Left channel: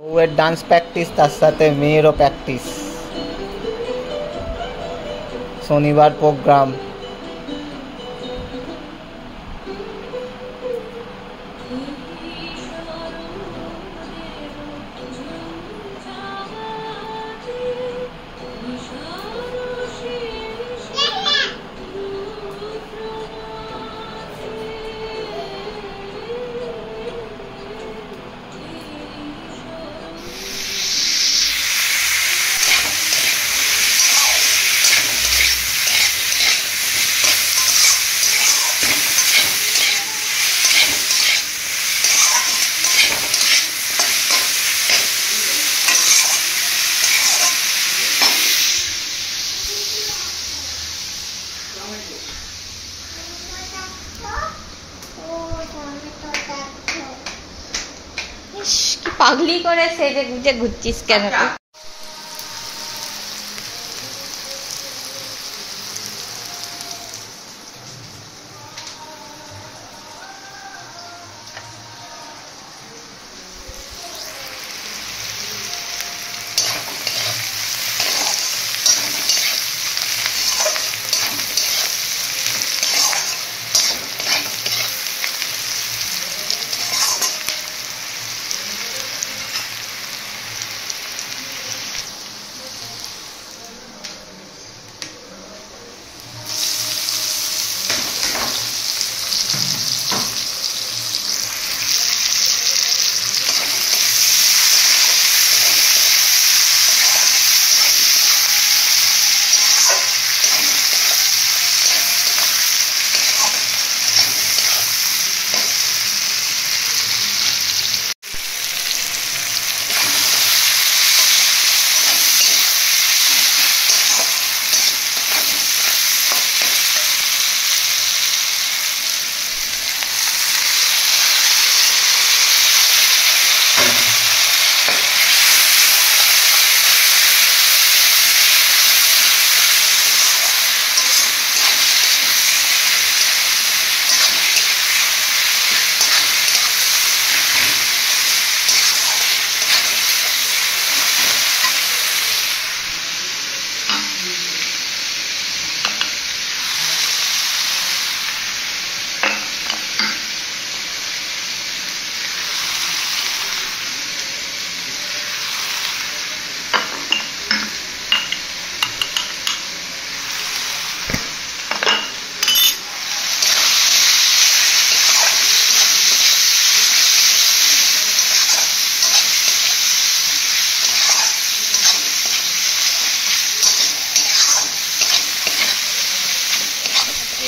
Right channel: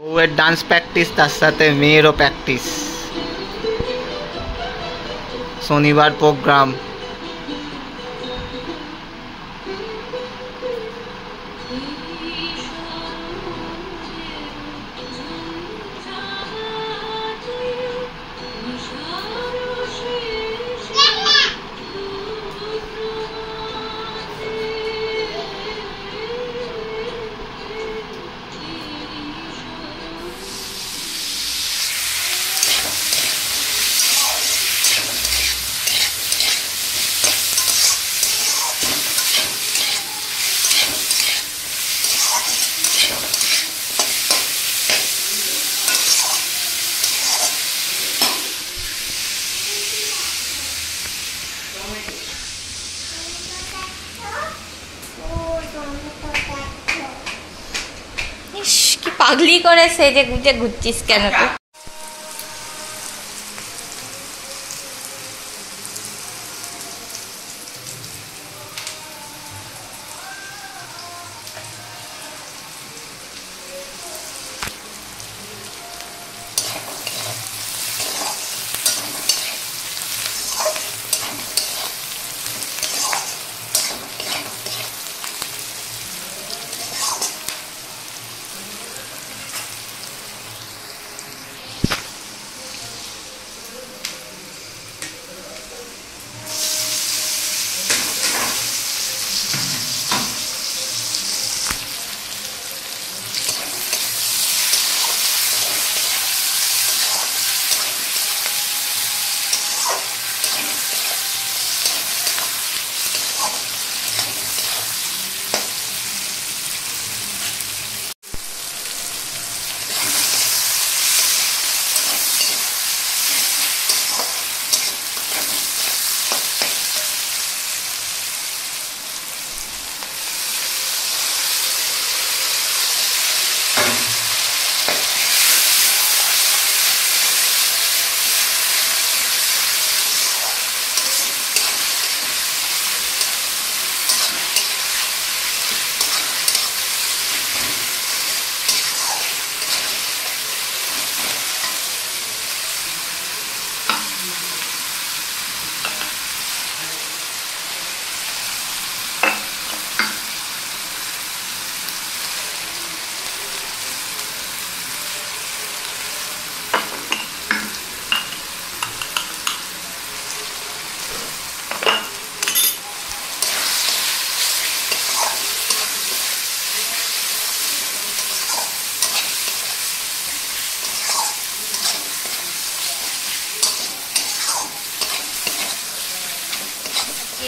বউয়ের dance practice, তার সাথে মেয়েরও প্র্যাকটিস। শনিবার প্রোগ্রাম। কি পাগলি করে সেজে গুজে ঘুরছিস কেন তুই?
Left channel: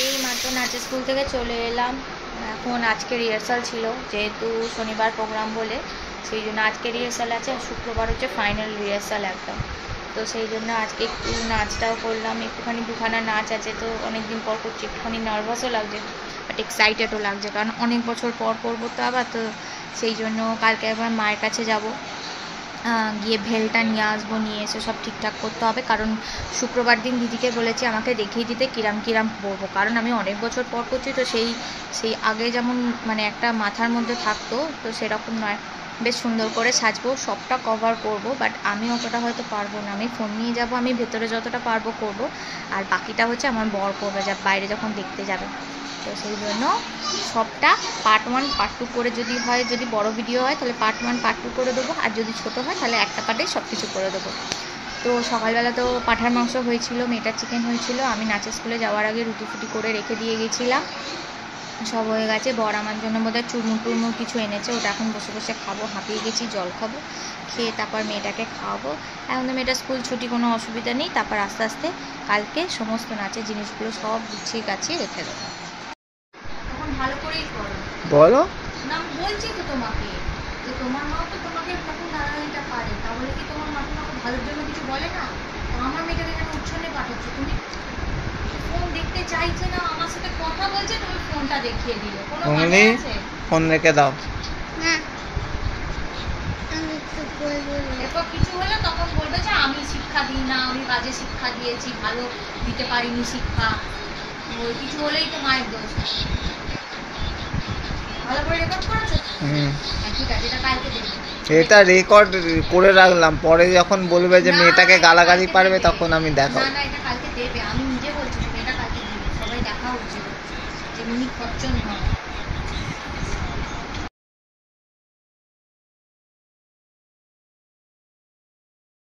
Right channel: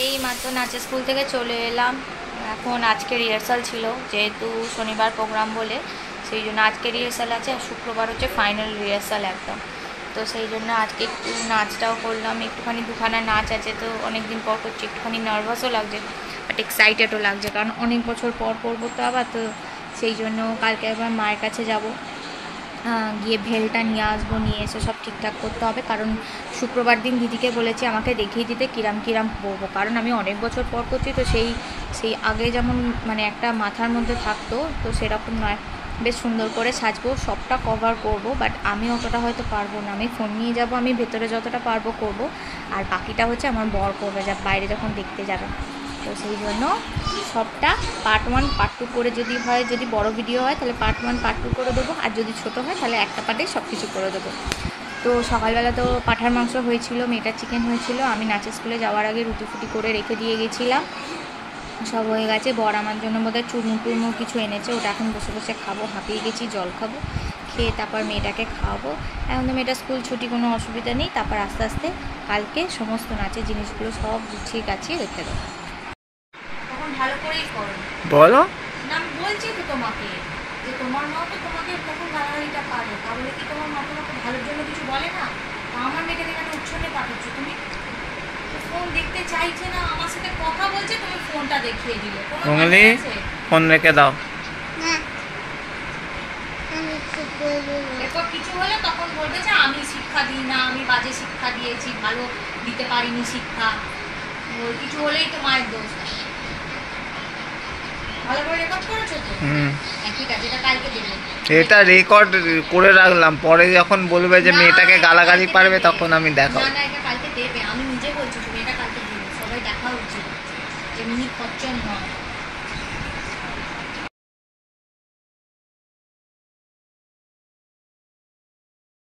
এই মাত্র নাচের স্কুল থেকে চলে এলাম। এখন আজকে রিহার্সাল ছিল, যেহেতু শনিবার প্রোগ্রাম বলে সেই জন্য আজকে রিহার্সাল আছে, আর শুক্রবার হচ্ছে ফাইনাল রিহার্সাল একদম। তো সেই জন্য আজকে একটু নাচটাও করলাম, একটুখানি দুখানা নাচ আছে, তো অনেক দিন পর করছি, একটুখানি নার্ভাসও লাগছে বাট এক্সাইটেডও লাগছে, কারণ অনেক বছর পর করবো তো আবার। তো সেই জন্য কালকে আবার মায়ের কাছে যাব, গিয়ে ভেলটা নিয়ে আসবো, নিয়ে এসে সব ঠিকঠাক করতে হবে, কারণ শুক্রবার দিন দিদিকে বলেছি আমাকে দেখিয়ে দিতে কিরাম কিরাম পরবো, কারণ আমি অনেক বছর পর করছি, তো সেই আগে যেমন মানে একটা মাথার মধ্যে থাকতো, তো সেরকম নয়, বেশ সুন্দর করে সাজবো, সবটা কভার করব, বাট আমি অতটা হয়তো পারবো না। আমি ফোন নিয়ে যাব, আমি ভেতরে যতটা পারবো করব, আর বাকিটা হচ্ছে আমার বর করবে, যা বাইরে যখন দেখতে যাবে। তো সেই জন্য সবটা পার্ট 1 পার্ট 2 করে, যদি হয়, যদি বড় ভিডিও হয় তাহলে পার্ট 1 পার্ট 2 করে দেবো, আর যদি ছোট হয় তাহলে একটা পার্টেই সব কিছু করে দেবো। তো সকালবেলা তো পাঁঠার মাংস হয়েছিল, মেয়েটার চিকেন হয়েছিল, আমি নাচের স্কুলে যাওয়ার আগে রুটি ফুটি করে রেখে দিয়ে গেছিলাম, সব হয়ে গেছে। বর আমার জন্য বোধহয় চুরমুর টুরমুর কিছু এনেছে, ওটা এখন বসে বসে খাবো, হাঁপিয়ে গেছি, জল খাবো, খেয়ে তারপর মেয়েটাকে খাওয়াবো। এখন তো মেয়েটার স্কুল ছুটি, কোনো অসুবিধা নেই, তারপর আস্তে আস্তে কালকে সমস্ত নাচের জিনিসগুলো সব গুছিয়ে গাছিয়ে রেখে দেবো। তখন ভালো করেই করো, বলো না আমি বলছি তো তোমাকে, যে তোমার মা তো তোমাকে তখন গালাগালিটা পারে, তাহলে কি তোমার মা তোমাকে ভালোর জন্য কিছু বলে না? তা আমার মেয়েটাকে এখানে উচ্ছন্নে পাঠাচ্ছ তুমি, ফোন দেখতে চাইছে না, আমার সাথে কথা বলছে, তুমি ফোনটা দেখিয়ে দিলে, উঙ্গলি ফোন রেখে দাও। এরপর কিছু হলে তখন বলবে যে আমি শিক্ষা দিই না, আমি বাজে শিক্ষা দিয়েছি, ভালো দিতে পারিনি শিক্ষা, ওই কিছু হলেই তো মায়ের দোষ। ভালো করে রেকর্ড করেছো তো? ঠিক আছে, এটা কালকে দেবো। এটা রেকর্ড করে রাখলাম, পরে যখন বলবে যে মেয়েটাকে গালাগালি পারবে তখন আমি দেখাবো। না এটা কালকে দেবে, আমি নিজে বলছি তুমি এটা কালকে দেবে, সবাই দেখা উচিত যে মিনি খরচন নয়।